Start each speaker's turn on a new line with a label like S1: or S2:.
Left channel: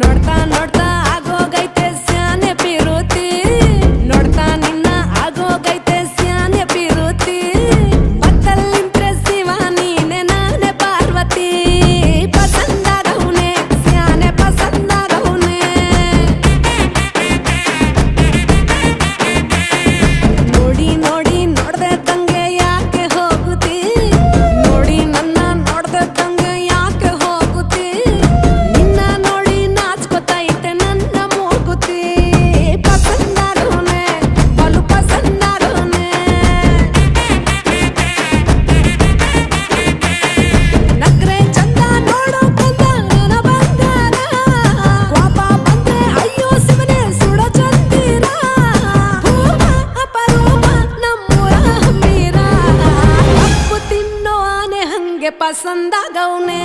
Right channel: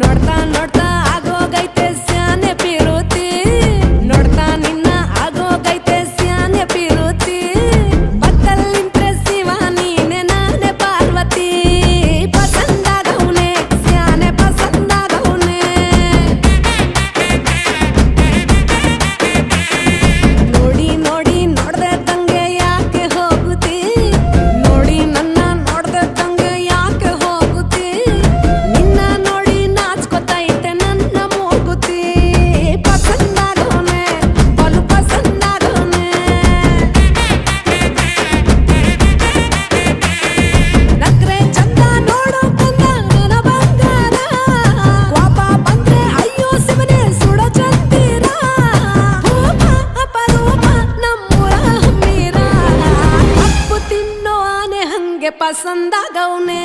S1: ನೋಡ್ತಾ ನೋಡ್ತಾ ಆಗೋಗೈತೆ. ಹಮ್ಮೀರ ಕಪ್ಪು ತಿನ್ನೋ ಆನೆ ಹಂಗೆ ಪಸಂದಾಗವ್ನೆ